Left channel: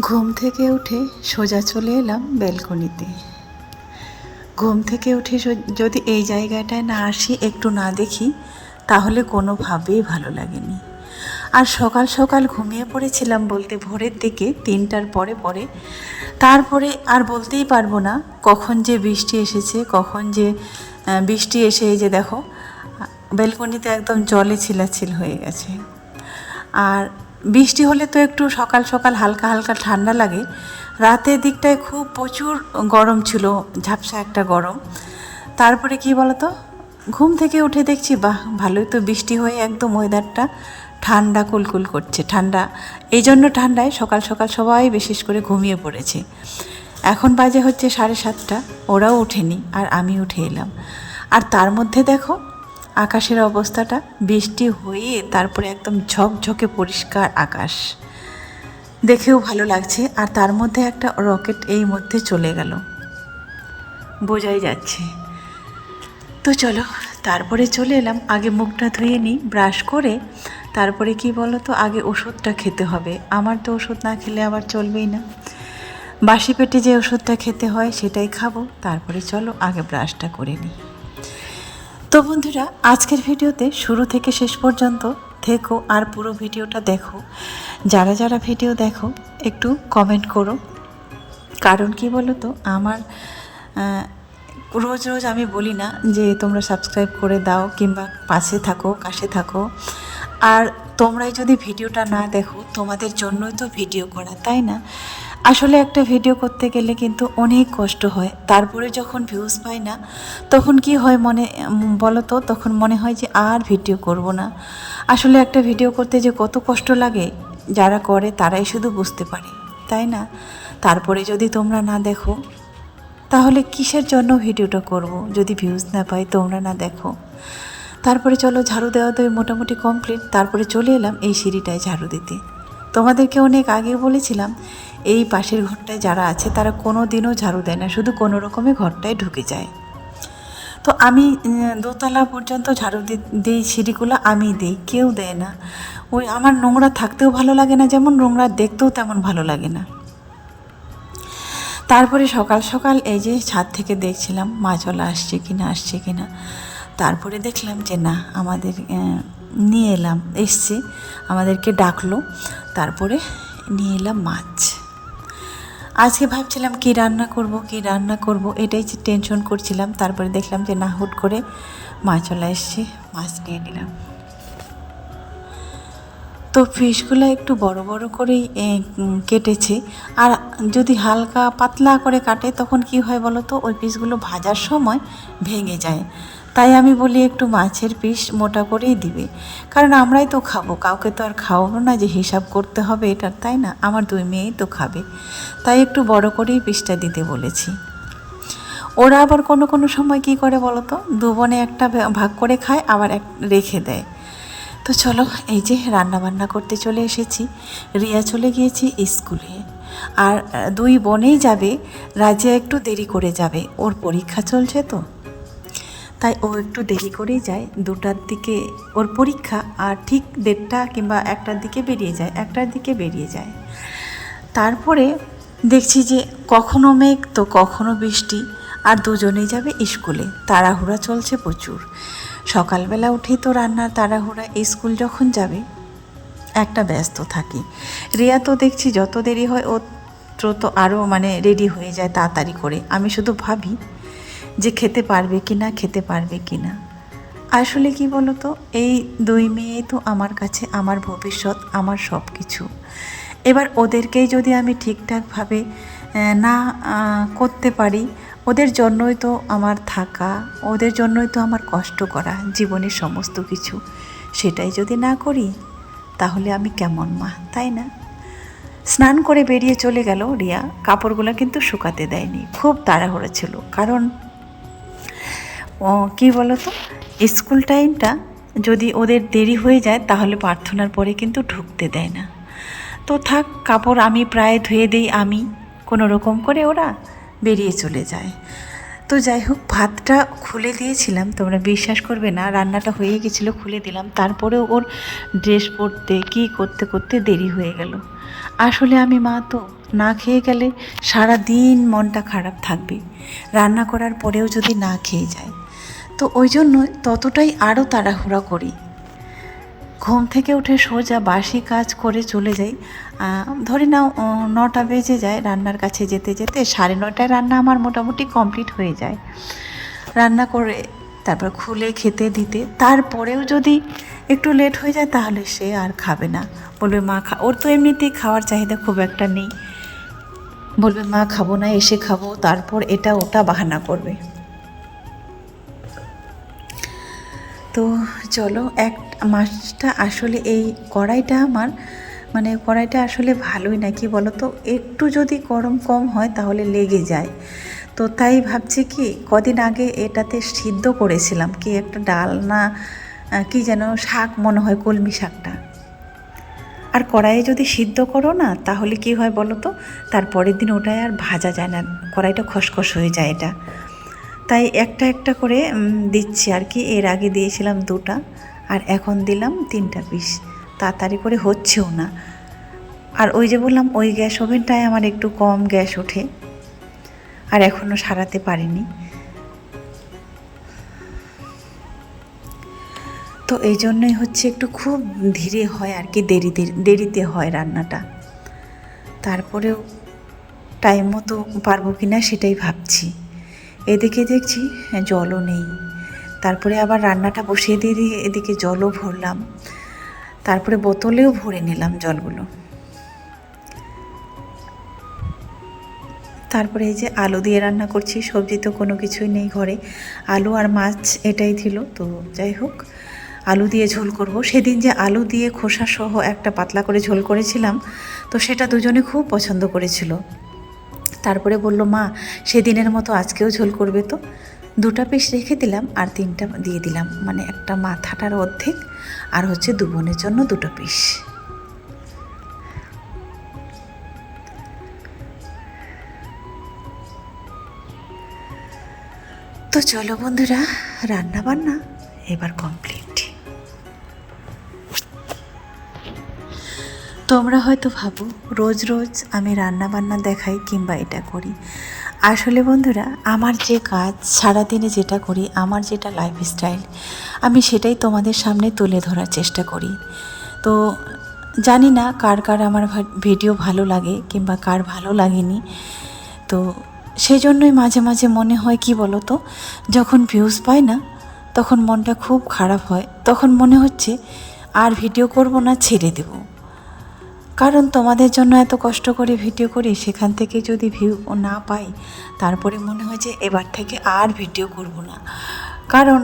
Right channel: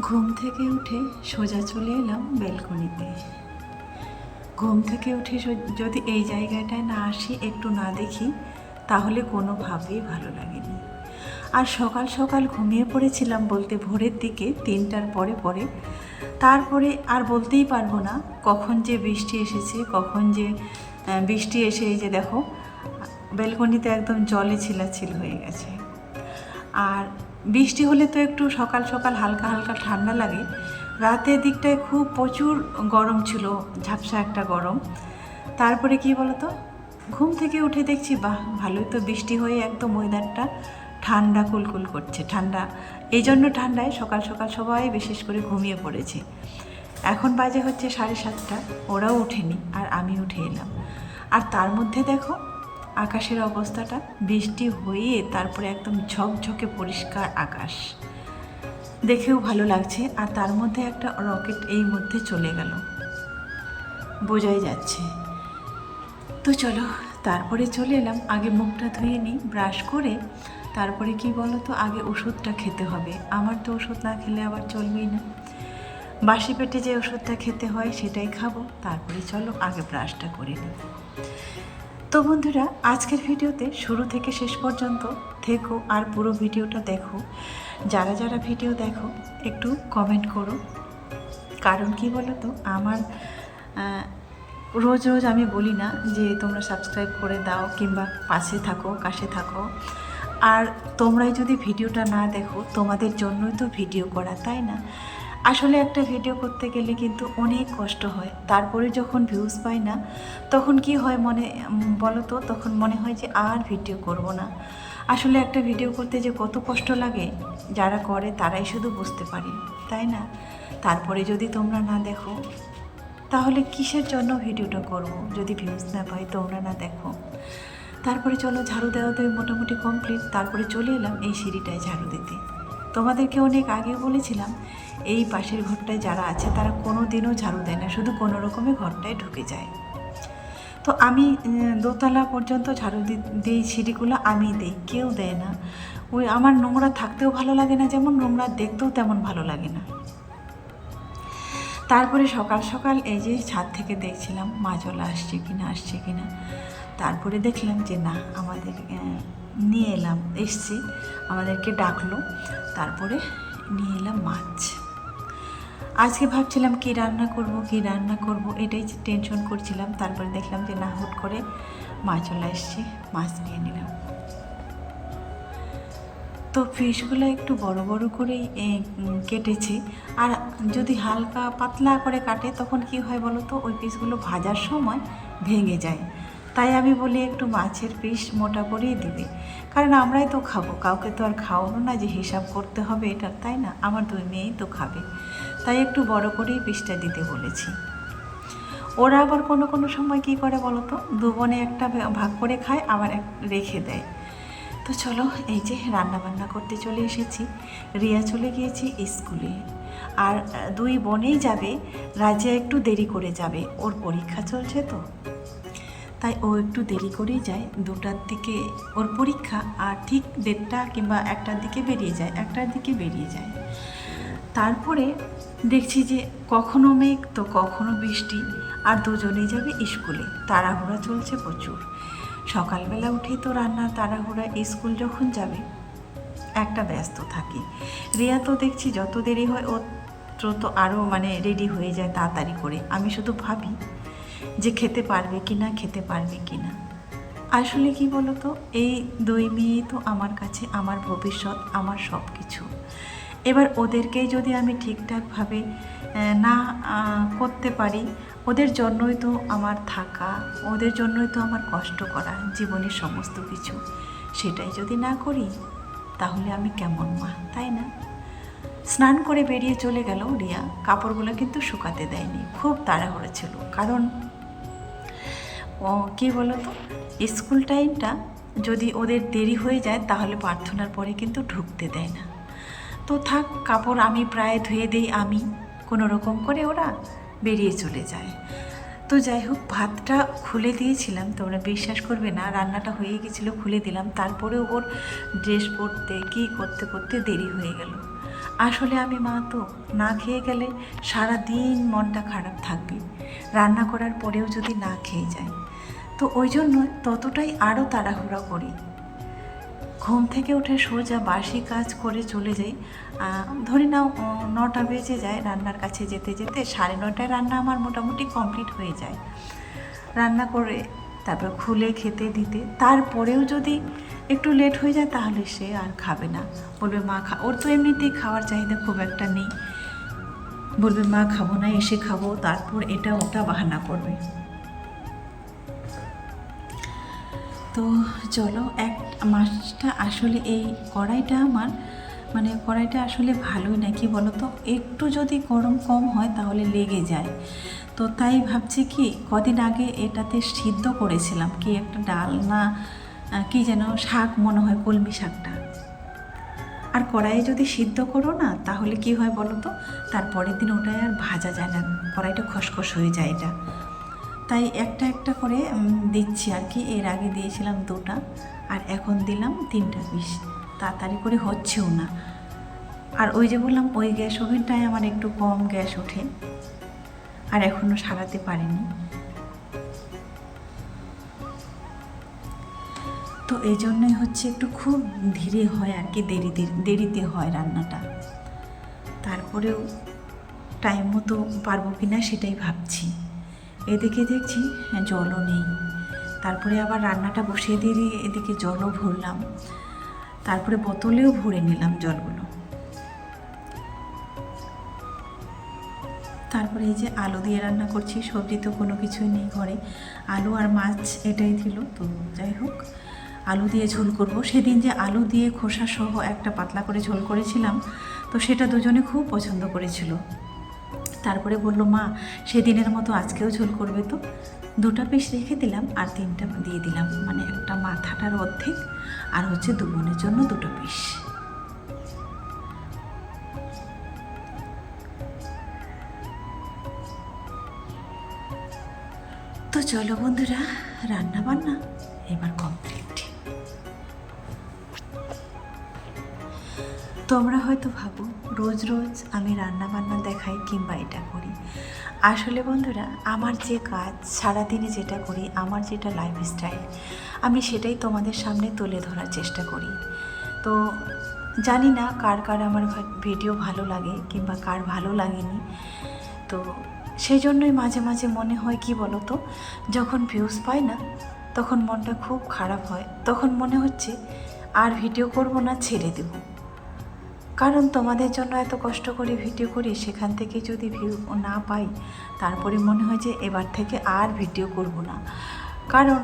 ঘুম থেকে উঠে সোজা চলে এলাম ব্যালকনিতে। ঘুম থেকে উঠে যদি এই জায়গাটায় না আসি, একটু না দেখি, তাহলে কোনোভাবেই ভালো লাগেনি। আর সকাল সকাল ঘুমিয়ে পড়েছিলাম বলতে ভোরের দিকে, তিনটার পরে পরে। তারপরে আর বলতেই পারব না কখন যে বৃষ্টি এসেছে, কখন যে বৃষ্টি এসে এই যে দেখো, ব্যালকনিতে একদম জলে ছিলাছিল হয়ে গেছে। আর বৃষ্টি হলে তো একটু সকাল সকাল হালকা হালকা ঠান্ডা লাগে। রাতের দিকটায় খুব প্রচুর গরম ছিল, ঝাপসা একটা গরম। তারপরে কি বলতো? ঘুম থেকে উঠে দেখছি, বাহ, ভালোই তো বৃষ্টি হয়ে একদম ওয়েদারটা ঠান্ডা কুলকুল করছে, ঠান্ডা। এই জন্য ঠান্ডায় সকাল সকাল সবাই বিশেষ করে ঘুমিয়ে পড়েছে। এখন বাজে হচ্ছে সাড়ে সাতটা, ওরাও ওঠেনি, আর আমি উঠে এলাম। আর তার মধ্যে দেখো আকাশের অবস্থাটা বৃষ্টি হয়ে তারপরে একদম ঝকঝকে পরিষ্কার আকাশ। দেখেও ভালো লাগছে আর তার মধ্যে একটা রকেট এই মধ্যে চলে গেল। বোঝাই যাচ্ছে। তো চলো, তারপরে চলে এলাম, আগে মুখটা ধুয়ে নিই, ব্রাশ করে, তারপরে কি বলো তো আগে ওষুধটা খেতে হবে। আমার তো ওষুধ না খেলে আবার চলবেই না। বাসি পেটে যে ওষুধটা খেতে হয় সেটাই খাব, তারপরে চলো আগে ব্রাশটা করে নিই। তো বন্ধুরা, আজকের ভিডিওতে শুরু থেকে শেষ পর্যন্ত থেকো আর পুরো ভিডিওটা দেখো। যারা যারা ভিডিও দেখো, একটু কমেন্ট করো। কারণ কি বলো তো আমার রোজ রোজ আমি বলি না যে তোমরা সাবস্ক্রাইব করে দাও কিংবা পাশে থাকো, কাছে থাকো। আর তোমরাই যদি ভিডিওটা না দেখো, তোমাদের জন্যই তো ভিডিও করা, তাই না? আসলে একটা ভিডিও করতে গেলে কিন্তু অনেক কষ্ট হয়। তারপরে যখন ভিউজ পাই না, তখন কি হয় মনে বলো তো তখন মনে হয় যে আর ভিডিও করব না। আসলে একটা ভিডিও করতে যে কত কষ্ট লাগে, যারা করে তারাই শুধু বুঝতে পারে, তাই না? তারপরে যদি তোমরা না দেখো, তাহলে কিসের জন্য ভিডিওটা করব? যদি ভিউজ না পাই, তোমরা না দেখো। তারপরে চলো, ঝাড়ু দেওয়া তো মোটামুটি কমপ্লিট তারপরে চলে এলাম এই সিঁড়িটায় ঝাড়ু দিতে। তোমাদেরকে অনেক আগে বলেছিলাম এই পাশের ঘরটায় যারা আছে, তারা কোনো দিনও ঝাড়ু দেয় না। শুধু কোনো রকমে ঘরটায় ঢুকে যায়। তো আমি দোতলা পর্যন্ত ঝাড়ু দিই, সিঁড়িগুলো আমি দিই, কেউ দেয় না। ওই আমার নোংরা থাকতেও ভালো লাগে না, যেমন নোংরা দেখতেও তেমন ভালো লাগে না। তারপরে সকাল সকাল এই যে ছাদ থেকে দেখছিলাম মাছওয়ালা আসছে কি না, আসছে কি না। তারপরে দেখলাম যে না, আমাদের নিয়ে এলাম, এসছে, আমাদেরকে ডাকলো। তারপরে নিয়ে এলাম মাছ। আজকে ভাবছিলাম কি রান্না করব, কি রান্না করব, এটাই যে টেনশন করছিলাম। তারপরে দেখলাম যে না, হুট করে মাছওয়ালা এসছে, মাছ নিয়ে নিলাম। তো ফিশগুলো একটু বড় বড় করেই কেটেছে। আর যদি হালকা পাতলা করে কাটে, তখন কি হয় বলো তো ওই পিসগুলো ভাজার সময় ভেঙে যায়। তাই আমি বলি একটু মাছের পিস মোটা করেই দিবে। কারণ আমরাই তো খাব, কাউকে তো আর খাওয়াবো না যে হিসাব করতে হবে এটা, তাই না? আমার দুই মেয়েই তো খাবে। তাই একটু বড় করেই পিসটা দিতে বলেছি। ওরা আবার কোনো কোনো সময় কি করে বলো তো? দু বোনে একটা ভাগ করে খায়, আবার এক রেখে দেয়। তো চলো, এই যে রান্না বান্না করতে চলে এসেছি। রিয়া চলে গিয়েছি স্কুলে। আর দুই বোনেই যাবে, রাজিয়া একটু দেরি করে যাবে। ওর পরীক্ষা চলছে তো। তাই ও একটু দেরি করেই যায়। দুটার দিকে ওর পরীক্ষা আর ঠিক দেড়টা কিংবা একটার দিকে বেরিয়ে যায়, একটার দিকে বেরিয়ে যায়। তারপরে দেখছি যে কখনো মেঘ তো কখনো বৃষ্টি আর দুজনেই যাবে স্কুলে। তাড়াহুড়া চলছে প্রচুর। সকালবেলা উঠেই তো রান্নার তাড়াহুড়া স্কুল যখন যাবে, একটা ব্যস্ত থাকি। রিয়া তো দেখছি যত দেরি হয় ও তো আরও মানে রেডি হয়ে যায় তাড়াতাড়ি করে। আমি শুধু ভাবি যে খেতে পারবে কি না, খেতে পারবে কি না। আসলে কি বলতো, এই দুই মেয়েই তো আমার কাছে আমার ভবিষ্যৎ, আমার সব কিছু এবার ওদেরকেই যদি আমি ঠিকঠাকভাবে না করতে পারি, ওদের জন্যই তো আমার থাকা, ওদের জন্যই তো আমার কষ্ট করা, জীবনের সমস্ত কিছু, সেটাই যদি না করি, তাহলে আমি কেমন মা, তাই না? স্নান করে বেরিয়ে চলে গেল রিয়া, কাপড়গুলো কিন্তু শুকাতে দেয়নি, খুব তাড়াহুড়ো ছিল, কারণ কী বলো তো? স্কুল টাইমটা যদি ওদের দেরি হয়ে যায়, তাহলে প্রার্থনার পরে কিন্তু ঢুকতে দেয় না। তো থাক, কাপড় আমি প্রায় ধুয়ে দিই, আমি। কোনো রকম করে ওরা বেরিয়ে চলে যায়। তো যাই হোক, ভাতটা খুলে দিয়েছিলাম, তোমরা বিশ্বাস করবে না, রান্নাটা হয়ে গেছিল, খুলে দিলাম। তারপরেও ওর ড্রেস পরতে, কী করতে করতে দেরি হয়ে গেল। আসলে আমি মা তো না খেয়ে গেলে সারা দিন মনটা খারাপ থাকবে। রান্না করার পরেও যদি না খেয়ে যায়। তো ওই জন্য ততটাই আরও তাড়াহুড়া করি। ঘুম থেকে উঠে সোজা বাসি কাজ করে চলে যাই। ধরে নাও নটা বেজে যায় রান্নার কাছে যেতে যেতে, সাড়ে নটায় রান্না আমার মোটামুটি কমপ্লিট হয়ে যায়। রান্না করে তারপর খুলে খেতে দিতে, তারপরেও যদি একটু লেট হয়ে যায় তাহলে সে আর খাবে না। বলবে, মা, খা ওর তো এমনিতেই খাওয়ার চাহিদা খুব একটা নেই। বলবে, মা, খাব না, এসে খাব, তারপর এটা ওটা বাহানা করবে। তো চলো, এক মাছটা আসলে এই কড়াইটা আমার মানে কড়াইটা আসলে ভালোই না, কি বলো তো একটু যদি গরম কম হয় তাহলে লেগে যায়। তো তাই ভাবছি কি, কদিন আগে এটাতে সিদ্ধ করেছিলাম, কি একটা ডাল না কি যেন শাক মনে হয়, কলমি শাকটা। আর কড়াইয়ে যদি সিদ্ধ করো না, তাহলে কি হয় বলো তো তারপরের দিন ওটাই আর ভাজা যায় না, কড়াইটা খসখস হয়ে যায় এটা। তাই একটা একটা করে দিচ্ছি আর কি। এর আগে দিয়েছিলাম দুটা আর এখন দিলাম তিনটা পিস। তাড়াতাড়ি করে হচ্ছেও না। আর ওই যে বললাম, ওই গ্যাস ওভেনটায় আমার একটু কম গ্যাস ওঠে। আর এখনও সারাতে পারিনি। তো এই জন্যই হচ্ছে একটু খুব ধীরে হয় আর কি, দেরিতে দেরিতে হয় রান্নাটা। তারপরেও টাইম মতো পারব কি না সেটাই ভাবছি। এদিকে দেখছি জলও নেই। তারপরে আবার রান্নাটা বসিয়ে দিয়ে দিয়ে এদিকে জলও ভরলাম। তারপরে বোতলেও ভরে নিলাম জলগুলো। তারপরে এই যে আলু দিয়ে রান্না করছি, সবজি তো কোনো কিছুই নেই ঘরে। আলু আর মাছ এটাই ছিল, তো যাই হোক, আলু দিয়ে ঝোল করব। সেদিন যে আলু দিয়ে খোসা সহ একটা পাতলা করে ঝোল করেছিলাম, তো সেটা দুজনে খুব পছন্দ করেছিল। তারপরে বলল, মা, সেদিনের মতো আজকেও ঝোল করবে তো? দুটা পিস রেখে দিলাম আর তিনটা দিয়ে দিলাম। মানে একটা মাথাটার অর্ধেক আর হচ্ছে দু বোনের জন্য দুটো পিস। তো চলো বন্ধুরা রান্না বান্না এবার কমপ্লিট তোমরা হয়তো ভাবো, রোজ রোজ আমি রান্না বান্না দেখাই কিংবা এটা করি। আসলে বন্ধুরা, আমার যে কাজ, সারাদিনে যেটা করি, আমার যেটা লাইফস্টাইল আমি সেটাই তোমাদের সামনে তুলে ধরার চেষ্টা করি। তো জানি না কার কার আমার ভিডিও ভালো লাগে কিংবা কার ভালো লাগেনি। তো সেই জন্যই মাঝে মাঝে মনে হয়, কি বলো তো যখন ভিউজ পায় না, তখন মনটা খুব খারাপ হয়। তখন মনে হচ্ছে, আর ভিডিও করব না, ছেড়ে দেবো। কারণ তোমাদের জন্য এত কষ্ট করে ভিডিও করি, সেখান থেকে যদি ভিউ না পাই, তারপরে মনে হয় যে এবার থেকে আর ভিডিও করব না। কারণ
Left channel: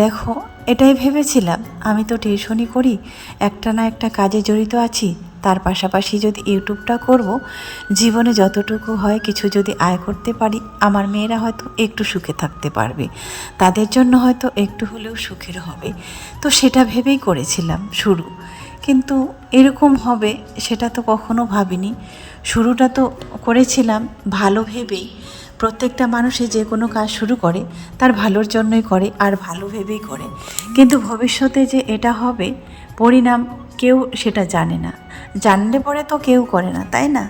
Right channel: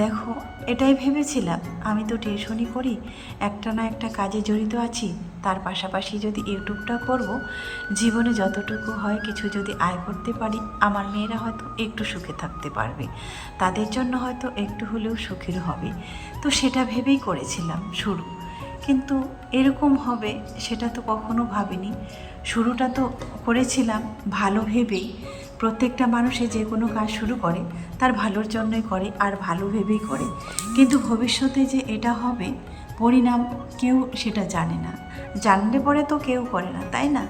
দেখো, এটাই ভেবেছিলাম, আমি তো টিউশনই করি, একটা না একটা কাজে জড়িত আছি, তার পাশাপাশি যদি ইউটিউবটা করব, জীবনে যতটুকু হয় কিছু যদি আয় করতে পারি, আমার মেয়েরা হয়তো একটু সুখে থাকতে পারবে, তাদের জন্য হয়তো একটু হলেও সুখের হবে। তো সেটা ভেবেই করেছিলাম শুরু। কিন্তু এরকম হবে সেটা তো কখনো ভাবিনি। শুরুটা তো করেছিলাম ভালো ভেবেই। প্রত্যেকটা মানুষে যে কোনো কাজ শুরু করে, তার ভালোর জন্যই করে আর ভালো ভেবেই করে। কিন্তু ভবিষ্যতে যে এটা হবে, পরিণাম কেউ সেটা জানে না। জানলে পরে তো কেউ করে না, তাই না?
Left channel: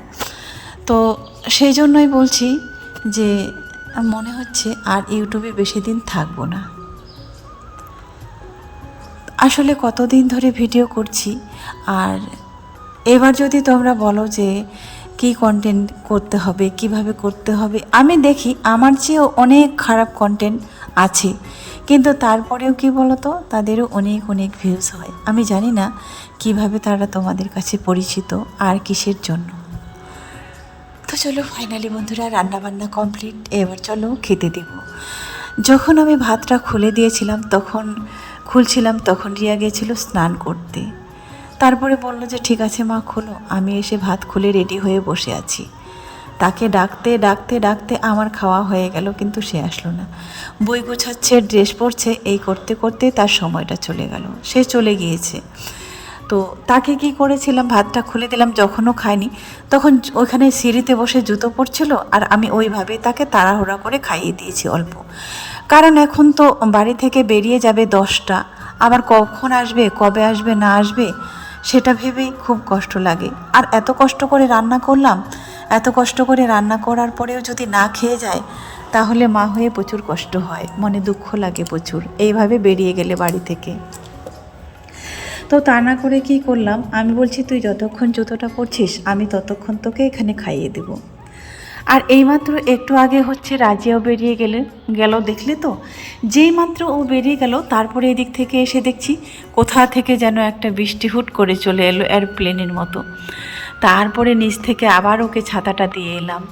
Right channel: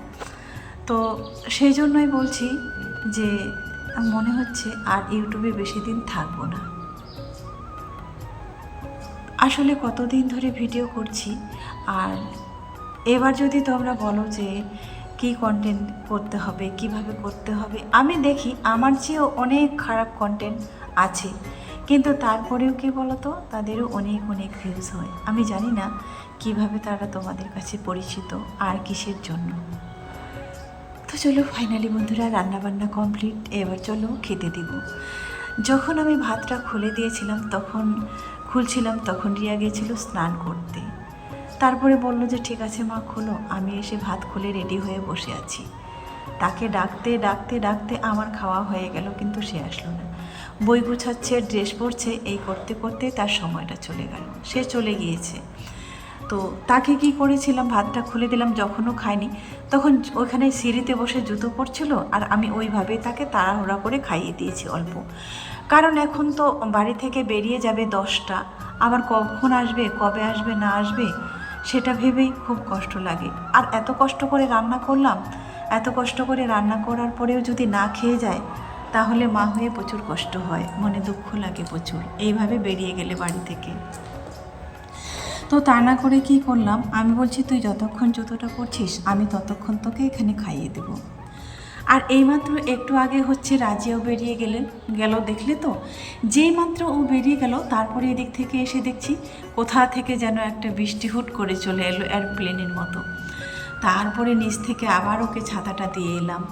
তো সেই জন্যই বলছি যে, মনে হচ্ছে আর ইউটিউবে বেশি দিন থাকব না। আসলে কতদিন ধরে ভিডিও করছি, আর এবার যদি তোমরা বলো যে কি কন্টেন্ট করতে হবে, কীভাবে করতে হবে, আমি দেখি আমার চেয়েও অনেক খারাপ কন্টেন্ট আছে। কিন্তু তারপরেও কি বলো তো তাদেরও অনেক অনেক ভিউজ হয়। আমি জানি না কীভাবে তারা তোমাদের কাছে পরিচিত আর কিসের জন্য। তো চলো ফাইনালি বন্ধুরা, রান্নাবান্না কমপ্লিট এবার চলো খেতে দেব। যখন আমি ভাতটা খুলে দিয়েছিলাম, তখন খুলছিলাম, তখন রিয়া গেছিল স্নান করতে। তারপরে বলল যে, ঠিক আছে মা, খোলো। আমি এসে ভাত খুলে রেডি হয়ে বসে আছি। তাকে ডাকতে ডাকতে ডাকতে আমার খাওয়া হয়ে গেল, কিন্তু সে আসলো না। বই গোছাচ্ছে, ড্রেস পরছে, এই করতে করতে তার সময়টা চলে গেল। সে চলে গিয়েছে। তো তাকে কি করেছিলাম, ভাতটা খুলে দিলাম যখনও খায়নি, তখন ওখানে সিঁড়িতে বসে জুতো পড়ছিল আর আমি ওইভাবে তাকে তাড়াহুড়া করে খাইয়ে দিয়েছি অল্প। কারণ এখন তো বাড়ি থেকে বেরিয়ে যাবে দশটা। আবার কখন আসবে, কবে আসবে, না আসবে, সেটা ভেবে খুব কষ্ট লাগে। আর এত কষ্ট করে রান্না করলাম, এত কষ্ট করে রান্না করার পরেও যদি না খেয়ে যায়, তাহলে মা হয়ে প্রচুর কষ্ট হয়, মনে দুঃখ লাগে প্রচুর, এইভাবে বেরিয়ে গেলে বাড়ি থেকে। তো তা না করে কি করলাম? আমি বলছি, তুই যতক্ষণ জুতোটা করছিস আমি ততক্ষণ তোকে এখানে খাইয়ে দেব। আর এইমাত্র একটু আগে হচ্ছে রাজিয়াও বেরিয়ে গেলে গেল দেখলে তো? যেই মাত্র ও বেরিয়ে গেল, তারপরে এদিক থেকে এসে দেখছি কোথা থেকে যেন একটা বৃষ্টি হুট করে চলে এলো এয়ারপ্লেনের মতো। তারপরে নিচ থেকে আবার ওকে ছাতাটা দিয়ে এলাম।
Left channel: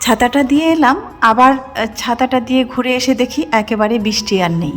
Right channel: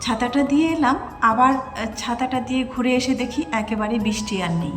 ছাতাটা দিয়ে এলাম, আবার ছাতাটা দিয়ে ঘুরে এসে দেখি একেবারে বৃষ্টি আর নেই।